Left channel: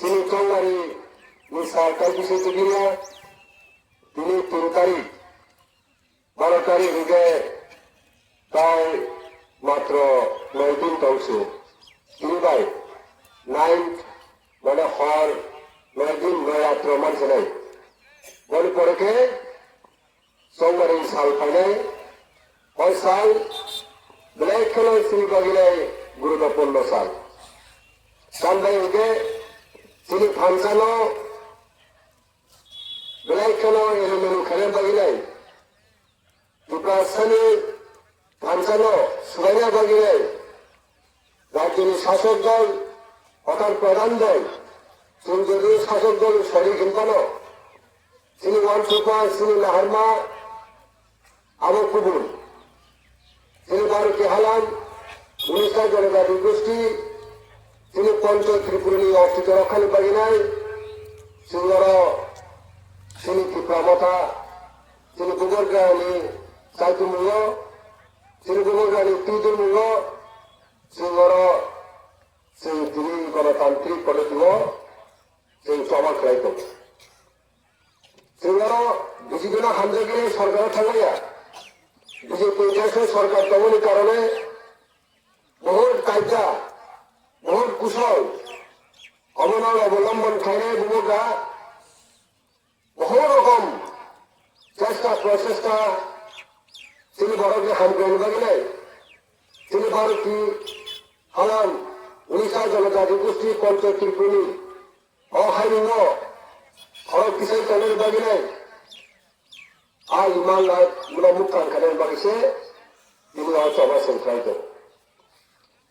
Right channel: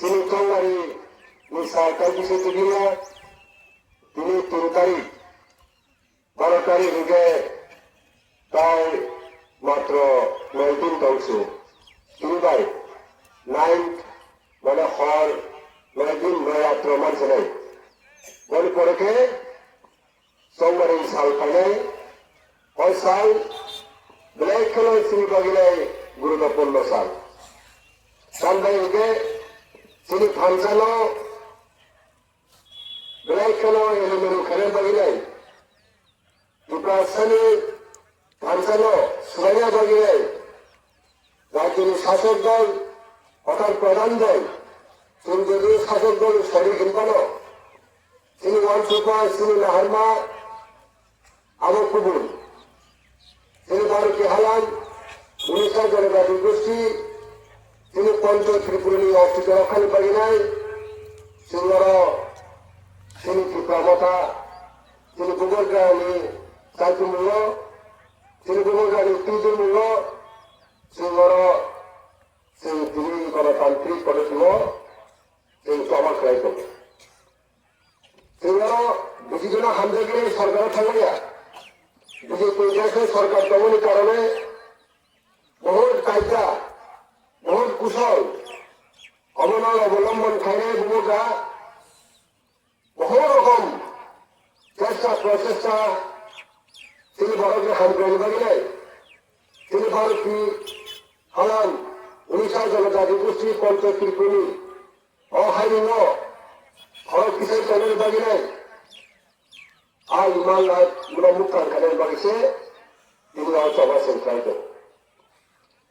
সিনিচন্দারি সরকার কিছু গিয়ে তিনি 3 তারিখ 12 তারিখ থেকে প্রায় মাত্র 9 দিন চলছে। ভাই 9 মানে হর 9 দিন 9 রাত্র মানছে নাই পরে সোমবার সাল পানে और साल ब्लैक कलर सिल्क गिरे गुरुत्वपूर्ण साल संडे के सिल्क फंक्शनो ब्लैक कलर ये मेरे खेले बगिरे दुपासनी फंक्शनो सुगनिया बगिरे राज्य शासक दल अर्थात प्रधान दल केंद्रीय शासक दल शरीर हिंदनो श्री वंशुपा श्री हरमा আবু কবুল তিনি ভারতীয় হালাম উড়িষ্যা জনজাতি গোষ্ঠী তিনি পঞ্চ ত্রিপুরী অর্থিত অকাল পারি নাই সিংহর তিনি ত্রিপুরামতা তিনি গোবরগাঁওনি চাতুর্মূল্য তিনি গোবরগাঁওনি তিনমূল্য সিংহর সেই তিনি গণতান্ত্রিক পলিটিভ সেই সভা খেলাই করছে সিংহর বিজেপি হামজাগিরি সরকার থাকা বিজেপি সরকার দমনের কারণে বহুত কায়দা বহুত কুশল অবনল অবলম্বন করে যুবকরা বহু রকম চেষ্টা প্রচেষ্টা তিনি ভারতীয় হামগ্রহণ করিলেন তিনি ভারতীয় হালাম উড়িষ্যা জনজাতি গোষ্ঠী পঞ্চায়েত কর্মী অহাইন ভারত কিসের জমির বাগিলেন আর ইমান মুখার কানের বাড়িছে তিনি সভা সিদ্ধান্ত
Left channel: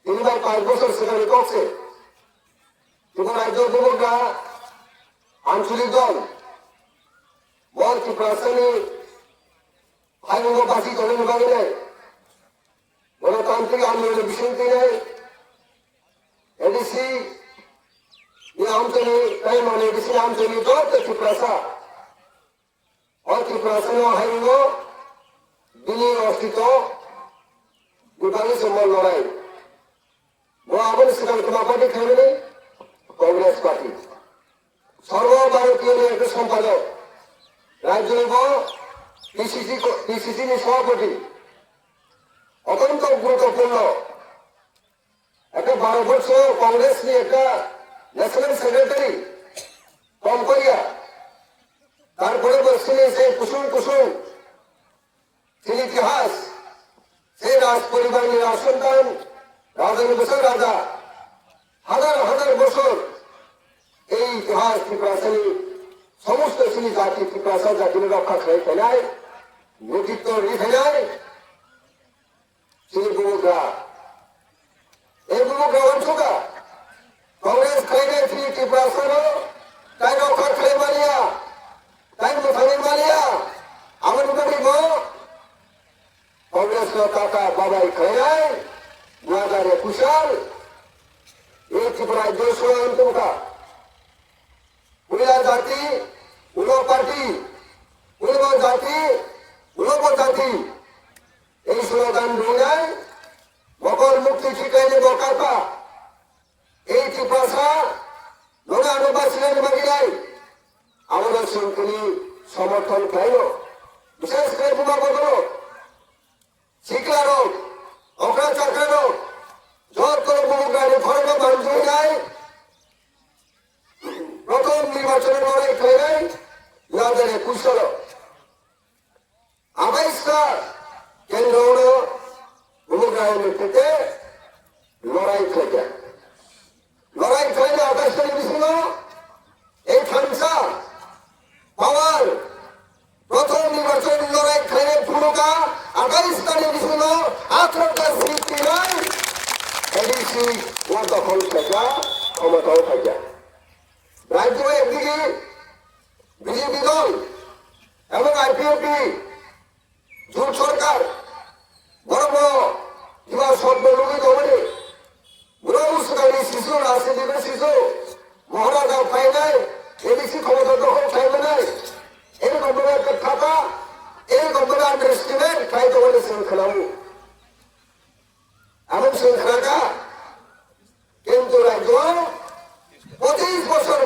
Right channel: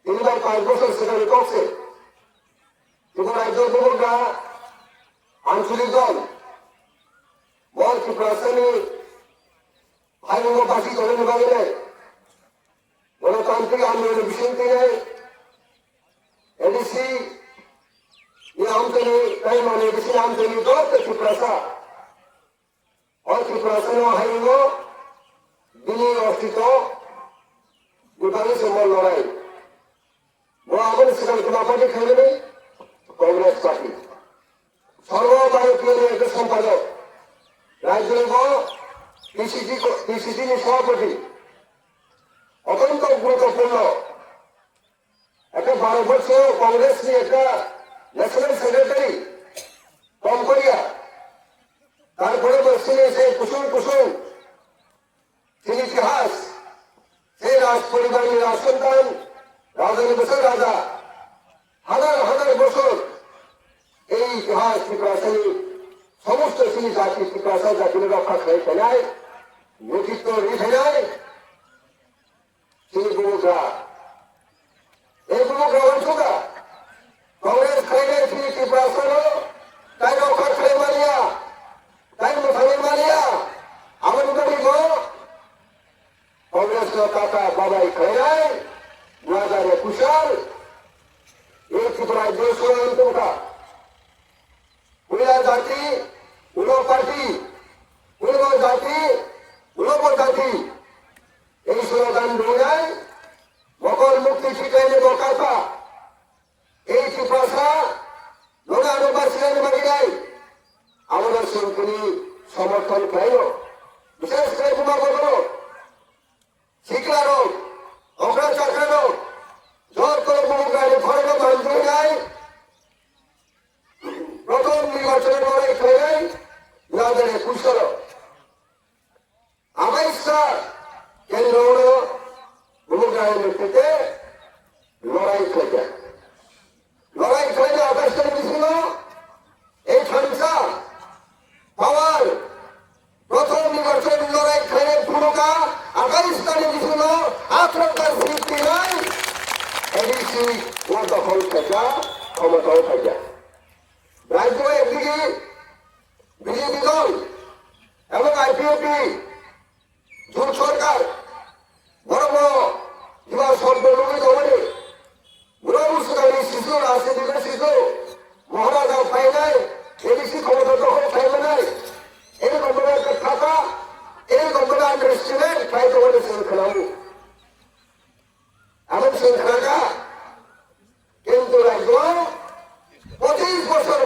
তিনি 5 বছর সেখানে করছে কিন্তু রাজ্য যুবকরা আঞ্চলিক দল ত্রিপুরাশ্রেণী ভাইবাসী জমির বাগিলে গণতান্ত্রিক আন্দোলনের বিষয়টি নেই এডিসি আঞ্চলিক তাই মানে এডিসি আঞ্চলিক দল ত্রিপুরাশা ত্রিপুরাশ্রেণী হাইন বিনি অস্তিত্ব বিভাগের সম্বল লড়াই আমাদের সেখানে তোমার পার্টি খেলেনি কংগ্রেস পার্টি সর্বভারতীয় একটা সম্পাদক রাজ্য পিসিসি সভাপতি অত্যন্ত গুরুত্বপূর্ণ একটা 12 বছর কংগ্রেস নিয়ে একটা ন্যাশনাল সেক্রেটারি কম্পানিয়া তারপরে তিনি সেই কুসুম সেই ইতিহাস সেই রাজ পরিবারের সন্তান রাজের বছর রাজা হাজার বছর এই ইতিহাস ত্রিপুরাশ্রেণী সমস্ত শ্রী জাতি ত্রিপুরাশা জাতির রক্ষা করে ফেলায় নেতৃত্ব রেখে নেয় সেই যুবকরা এই যুবকরা অংশটা কংগ্রেস খাই নাই শ্রী ত্রিপুরাশারও তাই রক্ষা খাই মানিয়া তাই মুখানি মানিয়া আমার বাড়ি কংগ্রেস কাকা বাবাই খাই নাই 2021 সাল এই ত্রিপুরায় 200 উড়িয়া জাতি উলো পার্টি উলব জাতি উলব জাতি এই স্লোগান দুনিয়ায় মকর মুক্তি ঠিকাইলে মকাপা এই ত্রিপুরা লোকা আনুবাসীদের বাগিরাই আমাদের সঙ্গে সমর্থন পাইল বিশেষ করে যুবকগণ শিক্ষার অগ্রচাকার জোর করে বহুগাড়ি ভরক বান্ধব যায় প্রথম নির্বাচনের লড়াই খেলেন 2021 সাল 22 কেন্দ্র বহুগাড়ি নেতৃত্বে লড়াই খেলে 28 তারিখ ছিল এই খানসা বাবার প্রথম নির্বাচন লড়াই খেলে ভূমিকা 28 তারিখ ছিল আত্মকা সৃষ্টি নয় এডিসি ও দখল থাকা ক্ষমতাও থাকা রাজ্য একদিকে বিজেপি দল এবং আইপিএফটি জোট সরকার বড় বড় যুবা সর্বলোকী দলে বুড়ো মুসলামী শিশু রাজনীতির শিশু মহারাজা পাই নাই এডিসি ক্ষমতা দখল পাইবে নাই এই গভর্নমেন্টের থাকা এই গভর্নমেন্ট আন্ডারস্ট্যান্ডিং পাইতে বলে শৃঙ্খলাও এমন শৃঙ্খলা কিন্তু রাজ্য 25 বছর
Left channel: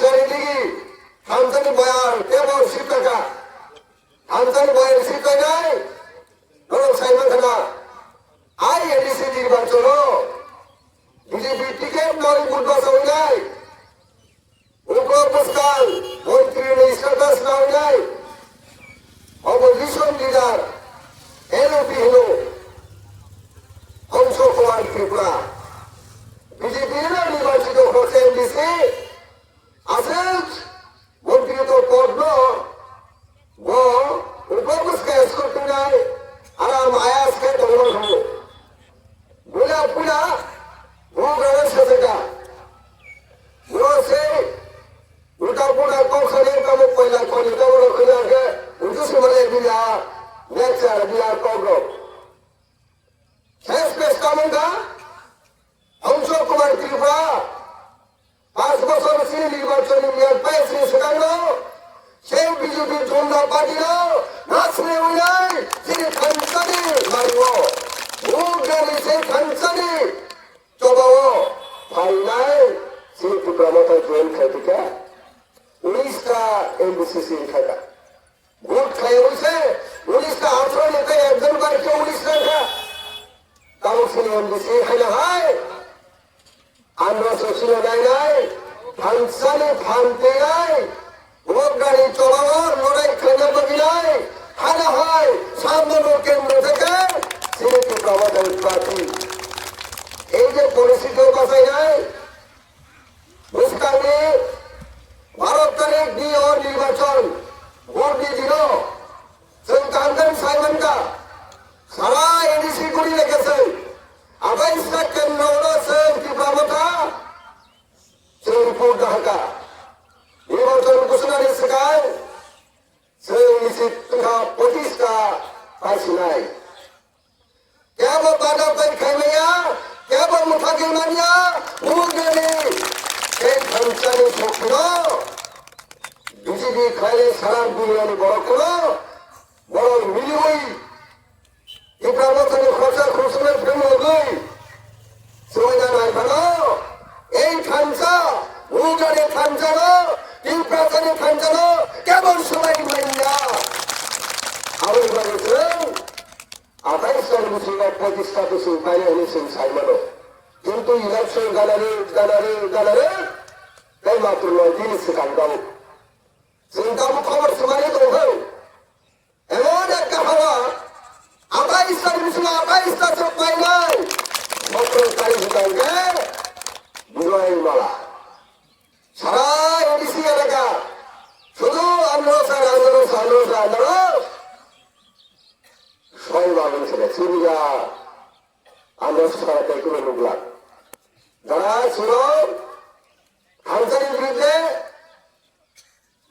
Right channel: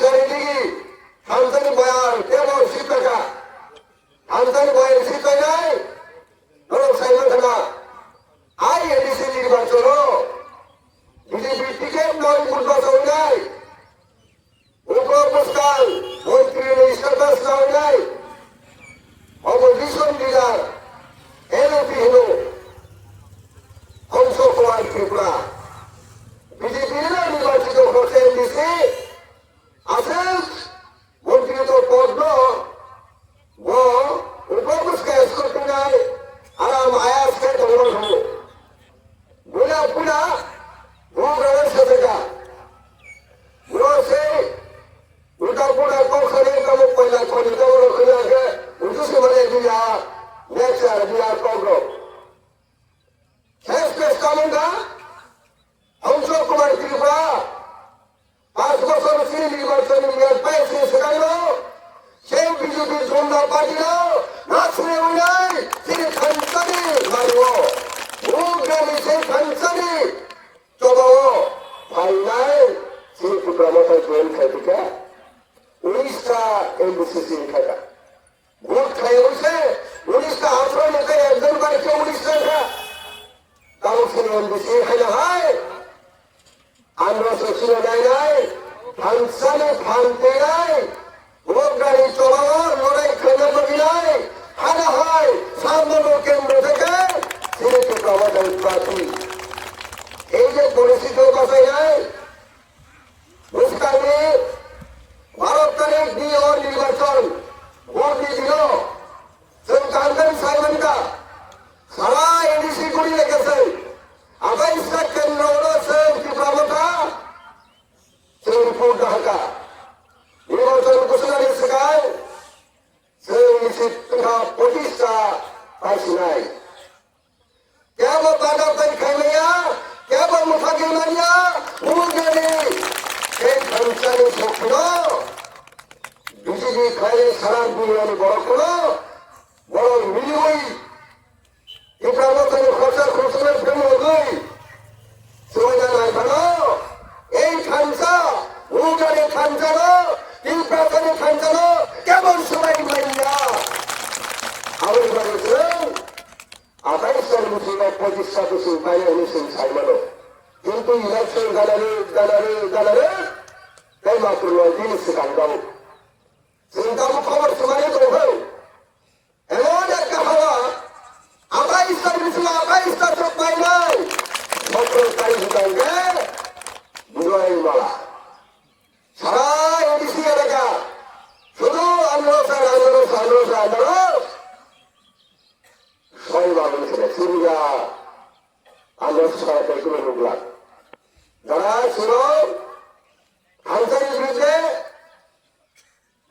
চারিদিকে খানসানি বয়ার কেবল শিক্ষা খানসানি বয়ের শিক্ষায় নাই নরম সাইমান খানা আই এডিসি নির্বাচন বিজেপি টিকেট দল নির্বাচন নাই উপপুষ্কাল মন্ত্রী সরকার নাম নাই অপোজিশন লিডার এনপি হল অংশ কুমার ত্রিপুরা বিজেপির নির্বাচিত হচ্ছে এমডিসি আসেন মন্ত্রী তো পদ উপপুষ্কা স্কুল নাই আরাম আয়াসকে দলমান হল বুলা বুলা ভূগ্রামের সাথে से उल्टा पुल्टा कम खड़े कम पहिला खड़े दौड़ो खड़े के उल्टा से बड़े दिया नेक्स्ट आ दिया कोगो खेस पे स्टामिंग हम सब कुमार कृपा 5 বছর শ্রী নির্বাচনী মেয়াদ পাইছে সেখানে সেই বিজেপির ঝন্ডা পাঠিয়ে নাচলে উড়াই সেই খানসানি মারবো ভূগ্রামে সেই খানসানি চবাও ভাই নাই সেই প্রবণতা জয়েন খেতে উড়িষ্যা এমবিসিসি খেলা ভোট খাই হয়েছে উড়িষ্যা আচরণ নিতে একজন বাড়িতে উড়িষ্যা তাও ছিল এমবিসি খেলা হয় আমরা সচিব দেয় নাই ফাংশনে ভাঙতে নাই ভোট গাড়ি চলানোর লড়াই খেলা করি নাই খানা হয় সামান্য কেন্দ্র থেকে সিলেটি প্রবণতা প্রার্থী এই যে পরিস্থিতি বাসায় নাই भारत तारीख दी और निर्वाचन वोट দিয়ে দিল সরকার সাইমন का সারা এডিসি গুলি লেগেছে আবার ইসলাম কেন্দ্র হচ্ছে ত্রিপুরা শ্রীপুর ঢাকা নির্বাচন ঘোষণার সেখান সেই শিক্ষা প্রতিষ্ঠা পাইছি নাই কেবল বাধা পাই খাইবাইয়া কেবল মুখাগিল মারিয়া ভূগ্রামে এই খানসানি শক্ত বিজেপি খাইলে সারা বিরিয়ানি বড় করো বড় মিলগুই ত্রিপুরা মতনের খরচা খরচের ফেলে গই সুবিধা নাই ভালো এই খানসা ভূগ্রামে খানসানো ত্রিপুরাচারী খানসানো কেবল সবাই মারিয়া আমাদের বলেছেন 28 সাল মুসলিমের 25 সদস্য বাইরে হয়েছেন সাইকেলও কিন্তু ইলেকশন গালারে তাই মাত্র 9 দিন সেখানটাও সেখানটাও খবর সবাই তো হোক এমন একটা হওয়া 28 সাল মুসলিম 28 সদস্য পাই নাই মাত্র 22 ব্যাংকে বিজয় মালা সারা এডিসি এলাকা শুধু আন্দোলন সবাই ভালো ছিল সুবিধা আন্দোলন সহায়তা করে লোকলাম যারা ছিল খানসানির বিরুদ্ধে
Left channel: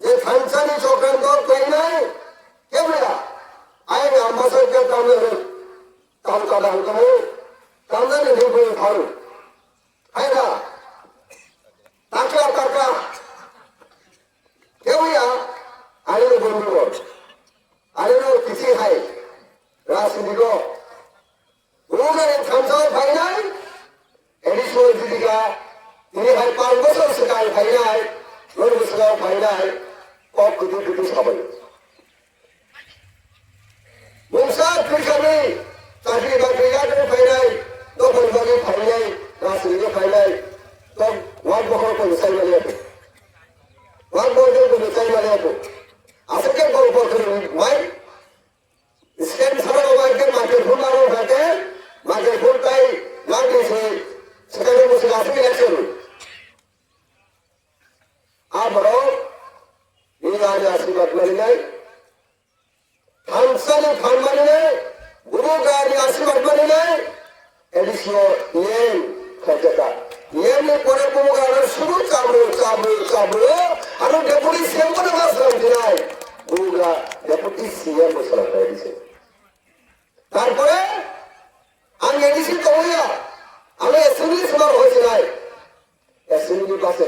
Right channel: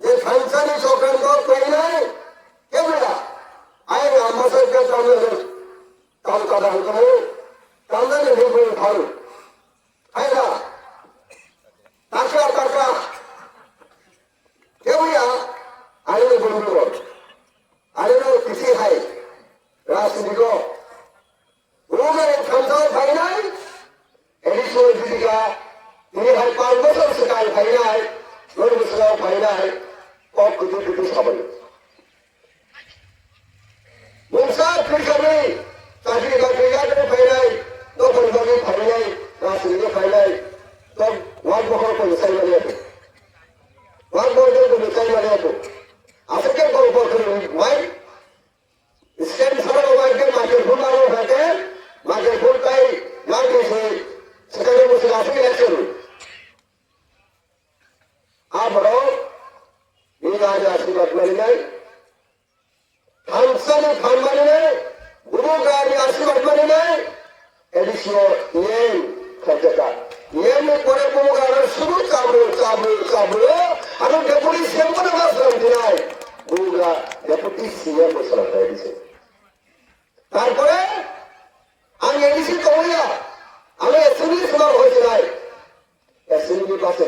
যে খানসানি চক্রান্ত তৈরি নাই কেবলা আইন আমাদেরকে কালকাতা হতো কালকাতা নির্ভর ভালো আইনা টাকা কেবলা আইনের বন্ধু আইনের পিছিয়ে খায় রাজনীতিক খানসান ভাই নাই এডিশনাল জীবিকা তিনি হয় 5 বছর সেখানে ভাই নাই 9 বছর ভাই নাই কত সবাই বংশা কৃষাবে চাকরি বাকরি যাদের ভাই নাই তো পরিবারের ভাই নাই রাজনীতিক ভাই নাই তো ওয়াকবহর কোনো চাইবারে ওয়াকবহর কোনো চাইবারে আজকে গল্প করে ভাই স্টেট সরকার ব্যাংকের মার্কেট ভুল আরো থাকে মার্কেট ভুলটাই দাম দিয়েছে সেখানে বসে আসে গেছিল আমরাও এই আজ আশীর্বাদ করে যাই খানসানি খান মারিয়ে বুড়ো গাড়ি আশীর্বাদ করে যাই এডিশনাল নিয়ম খরচা নিয়মের পরে কোনো গাড়ি শুধু চাবলো আরো ডেপুটি সিএম করে বাসলাম দিনাই বুড়া ডেপুটি সিএম বসে দিয়েছে তারপরে আমি এডিসি তো বলিয়া আমি এসএমবি সমার হয়েছে নাই এসএমবি পাশে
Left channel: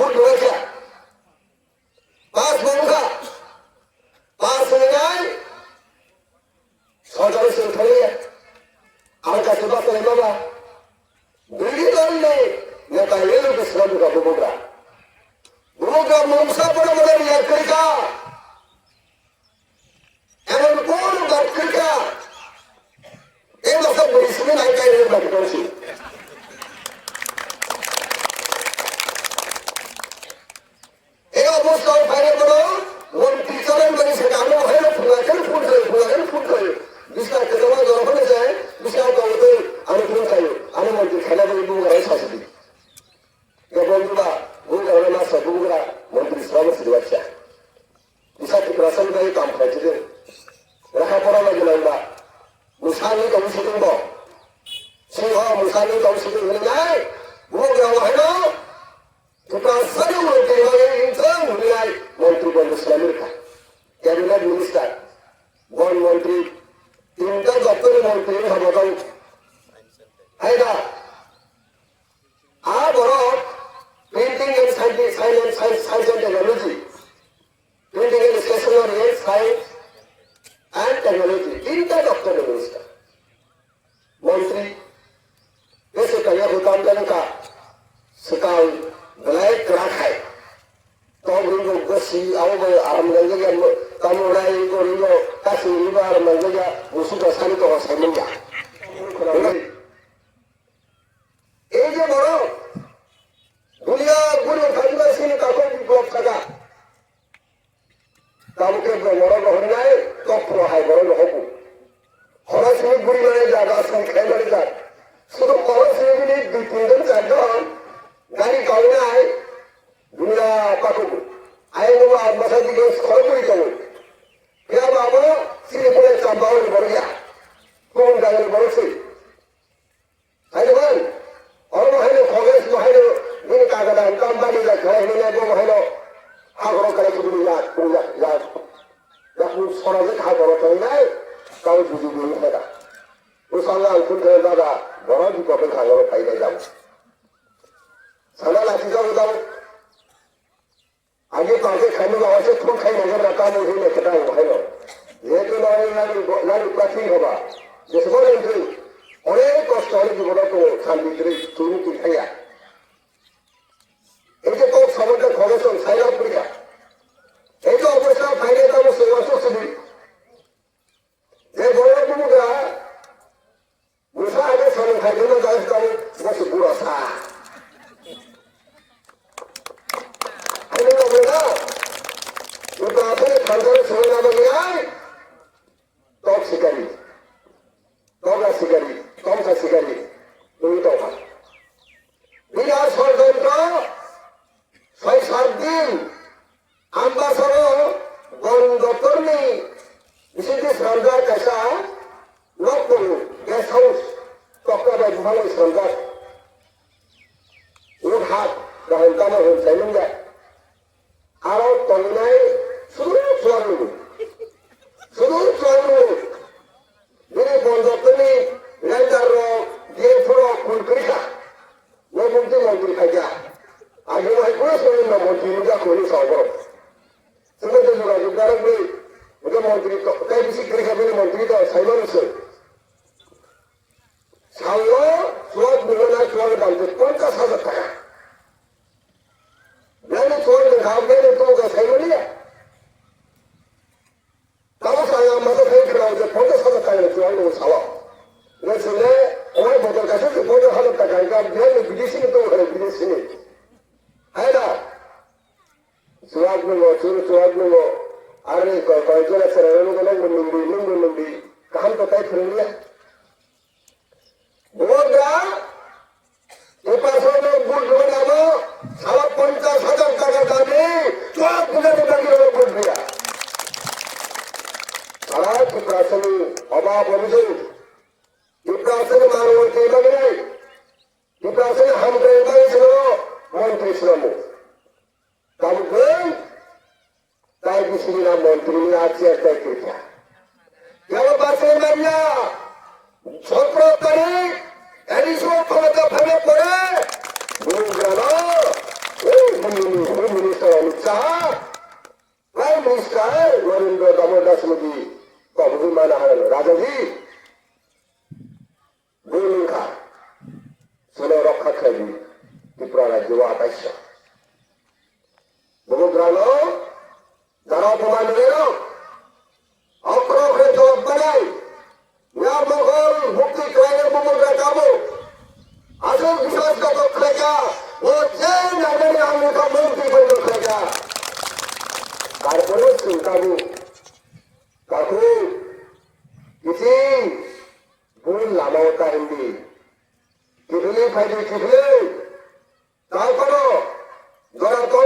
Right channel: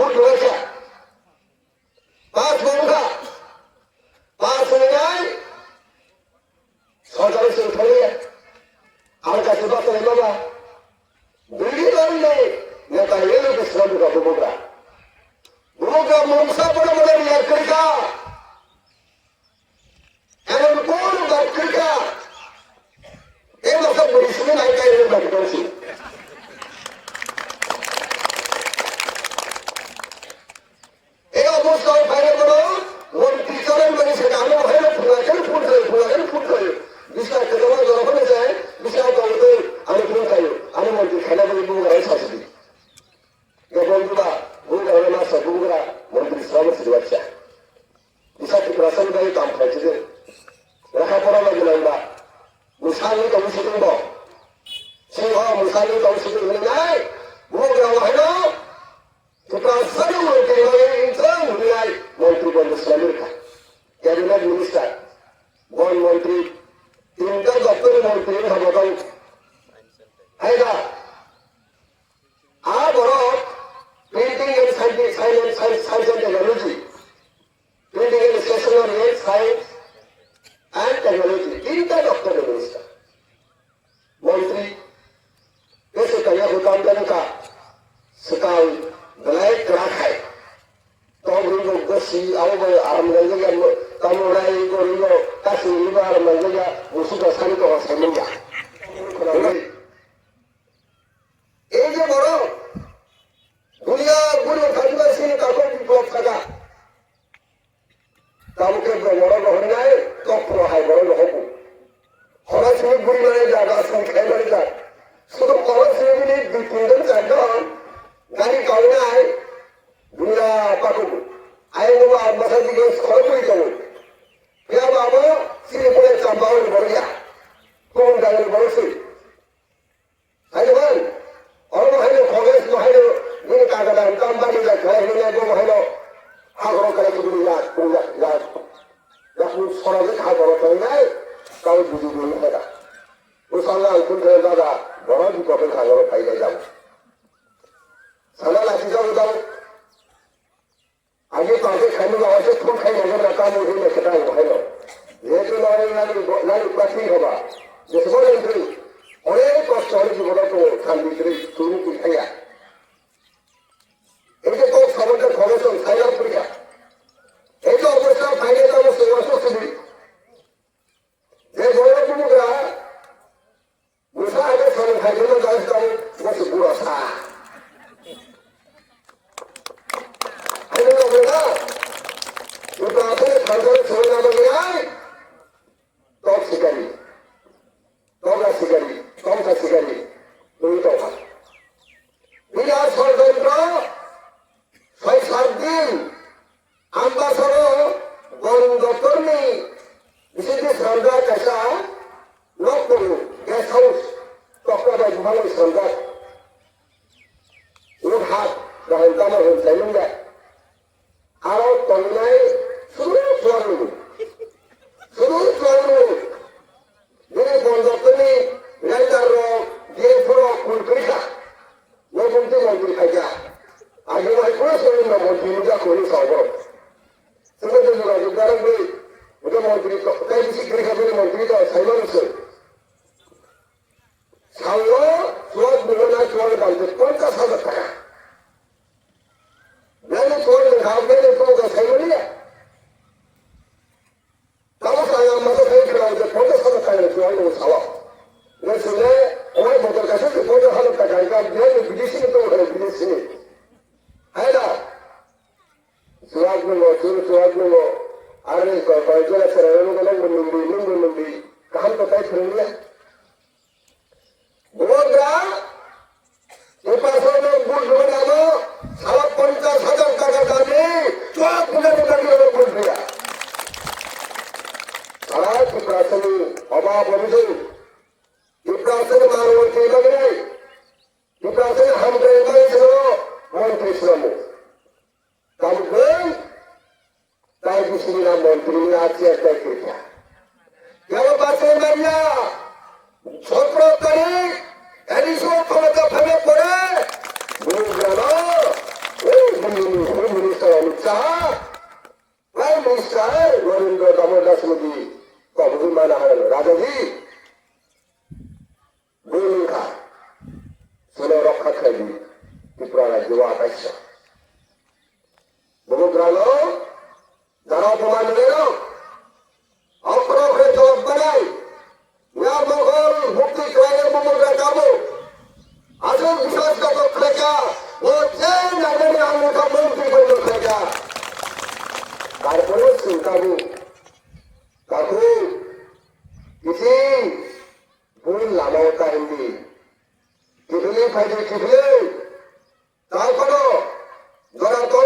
ভোট রয়েছে পাঁচ বন্ধা পাঁচ হয়ে যায় সরকারের শুরু করে আমার কাছে বাস হয়ে বাবা দুই দল নেই নেতা এলো বিশ্রাম বাচ্চা এসব রাসেল ভাই কাম পাইছিলেন লেখাপড়া লাগে না মুসানি তমসি দিব সিংহ মুসানি তমসি দিব নাই মুখ দেওয়া হয় না তোমরা সারি মন্ত্রী হয়ে মন্ত্রী পরিশ্রমের ক্যাবিনেট মিনিস্টার বন মন্ত্রী তিনটা দপ্তরের মন্ত্রী হবদল আইনা আর বড় printing and science and technology printing and stationery science and technology তিনটা দপ্তরের মিনিস্টার মন্ত্রী कैसे करिए वो काम करने का सकाल बनाए रखा है तो गरीबों को सी आओ आराम लगेगा तमुराई गरीबों का सीरीबा आराम लगेगा उसी का सारी तो आसान होगा ये जो बड़ो दुनिया पूरे धर्म से ने काकों की ब्लॉक सका काम के बड़ो होना है तो प्रो है बड़ो हो हरा से बुरी नहीं जाएगा संख्या नहीं जाएगा শুধু খরচ নিয়ে দুই তিনজন চারজন গাড়ি কাউনে আয় দুনিয়া পাকু আয় নেবো আর মাথার দিকে খরচ করে যাবো এরা বাবা সিরিপুরের চাম্বাওয়ার বড়িয়া কোন গাড়ির বড়ছি তাই বল অন্য হইলো কংগ্রেস তো হইলো দিন কাগজা কাম্পানি যা ঘরে হইলে গো হইলো আগ্রহ করে শুধু যা যখন সরবে খাবো তাই নাই তাও বুঝি বুঝি না ও সামনে আলফুল করে দাদা বড় বিপদে খাগড় খাইলে যাব সালা লাঠি যাও যাও আগে কাউকে খাইলে আওয়াজে খুব খাই নেবে না কাম উঠে লেখে দাও ভালো যেহেতু লাড়ি প্রাচীন হবা যে বলেন যে অনেক কষ্ট হলে কি বড় করে খান ভিতরে তুমি কি খাইয়া এই যে কোন সমাজে খরচ সাইলা পরীক্ষা এই যে অবস্থা বাইরে যাবো সেবা সুস্থিতি যে বড় কুমুরা Usaha ada sama hajuna dalam kamu masih puasa. Ada yang benar. Kita apa kalau sama nama top sekali, top sekali, ini tahu. Ini harus kontrol. Saya sardin, ambassador, konduktor ni, di sini serga kasa, lokal. Guest house, Dr. Muhammad Sandar. Look hard, the Hantama will tell him that. Our Tominai, Suru Swaru. Very fond of the name, Lander Rock, Jaypura, Kulkrika. No something on the Kaja. I do my person in the Montrika Kulis over. So that is what you can't be. With the Montrika, that is the Montrika, Simonson. ছাড়লো চোর বেরোনা চোরে বাড়িতে 50,000 টাকা নাকি চোর ঘাম গেলে তোমাকে খাইব নিয়ে তাও সারা আমাদের ভেঙে রাখছে 50,000 টাকা চোর লোক ছাড়ো শুনে ওই ভোটের কাছে 50,000 টাকা বিদেশি তো বিদেশি হ্যাঁ না চোরাক গুলো আরে কয়েকজন আছে মুন্ডি কাম তো তাই ফেলে बोलगा ये पासों में गुड़ ढूंढ आलो साला 50,000 টাকা দামে तो आप बुझे निकाल के गुड़ दिया साला की प्रासनी अभाव बोले ये प्रासनी मारो के लगे ये प्रासनी हम के लगे चलो मंत्री चलो तब गए ताई किसी ना मंत्री ने आज से तय किया क्या वो बात है मरिया छोकरो तरी एडिशो फलता फले पड़े बुझाना minister Amit Shah prime minister Narendra Damodar Modi बाबू माना है राजा जी भूमिका सुनो रखा खाई त्रिपुरा युवा आकाश बुझाना जरा प्रमाण ले लो अपरों के जवाब बनाए यहाँ बंगाल मुक्ति कराने को मुझे काबू आजकल विकास का तो खर्चा वो जैन नागरिक आने का मुक्ति को तो खर्चा कारपोरेट सुनकाबू काबू किसी भूल लाभा होता है भी कितने फायदे कितने ताकरो जरा तो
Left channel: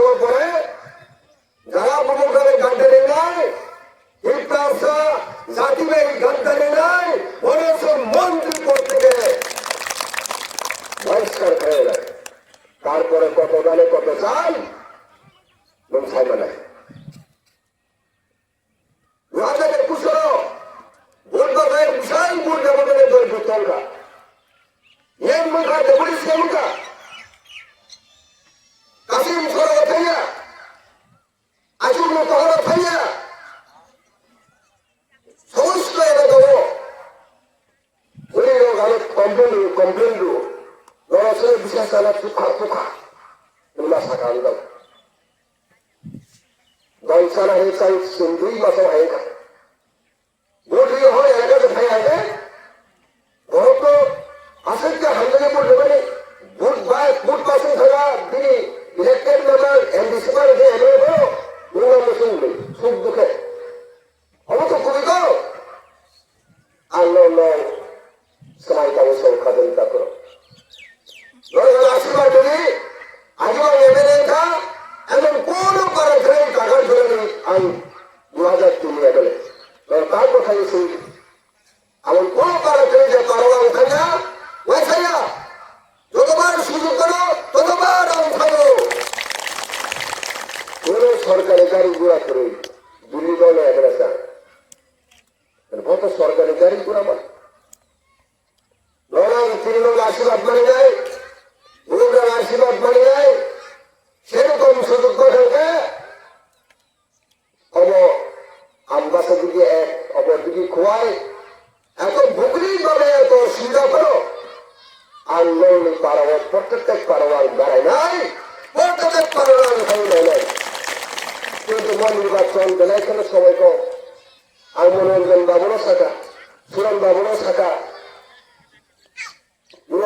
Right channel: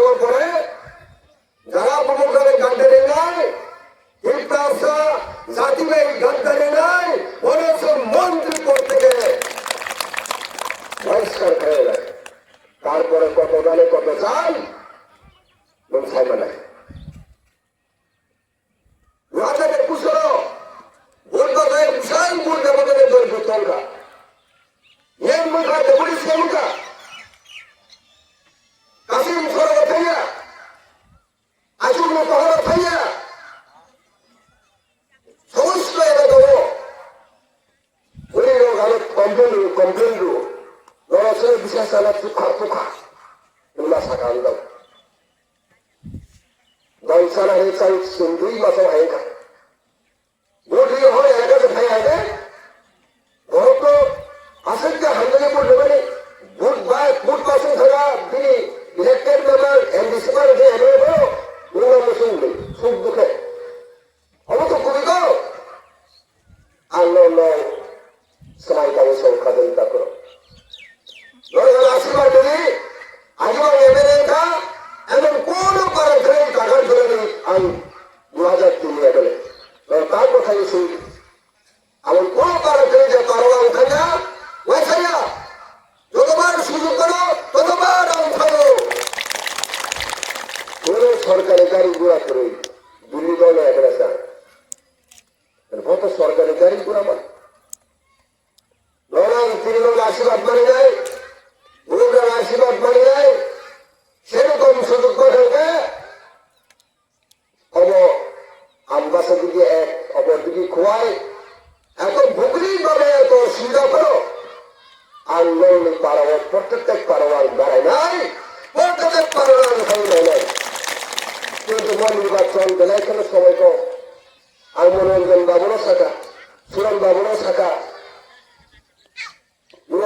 দেওয়ার পরে যারা মমতাদের গাদ্দারি নাই, ইফতারসা জাতিবের গাদ্দারি নাই, অনেক মন্ত্রী পদ থেকে বহিষ্কার হয়ে গেছে। তারপরে কত দলে কত চাই লোকসভা নাই। 2021 ভোটদানের বিশাল ভোট ব্যবধানে তৈরি তোমরা মেন মুখা ডেপুটিসের মুখা কাশিম সরকার থাইয়া আজুগুলো পাহাড় থাইয়া সমস্ত এলাকা ওই ভারত কমপ্লেন লড়াচড়ে বিশেষ চালা পোখা এগুলা শাখা আনলাম দলসারা হয়ে চাই 2 মাসে হয়ে যায় ভোট দিয়ে হয় এটাকে খাই আগে বহুত আসেনটা হান্ড্রেডে ভোট দেবে ভোট পাশে থাকা তিনি ইলেক্টেড মেম্বার এমডিসি বার যে এমএলএ বলো উন্নয়ন শুনবে সুখ দুঃখে হবে তো খুবই গো আল্লাহ সবাই কারো সহযোগিতা করো আশীর্বাদ দেবী আগে এমএলএ টা এমন কোন কারো ধরে টাকা ধরে আমি 2003 এমএলএ তার কথা শুনি এমন কোন কারো ধরে যে কারোয়া উঠাইয়া ওই খাইয়া যতবার সুযোগ করো ততবার উঠাবো কোন সরকারি গাড়ি ঘোড়া করে দিল্লি দলে এখানে চান কত সরকারি গাড়ি ঘোড়া পায় তৃণমূল আশীর্বাদ মানে নেয় ভোটার আশীর্বাদ মানে নেয় সেরকম সুযোগ করে অব আব্বাসের দিকে এক অপর দিকে খোয়ায় এত ভুগলি দলে এত সুবিধা করো আন্দোলন পারবার প্রত্যেক পারবার গাড়ায় নাই প্রত্যেক পারবার হয় নাই কিন্তু নির্বাচন বেলায় কেন সবাই তো আর মনোরঞ্জন বাবুরও শাখা সুরন বাবুরও শাখা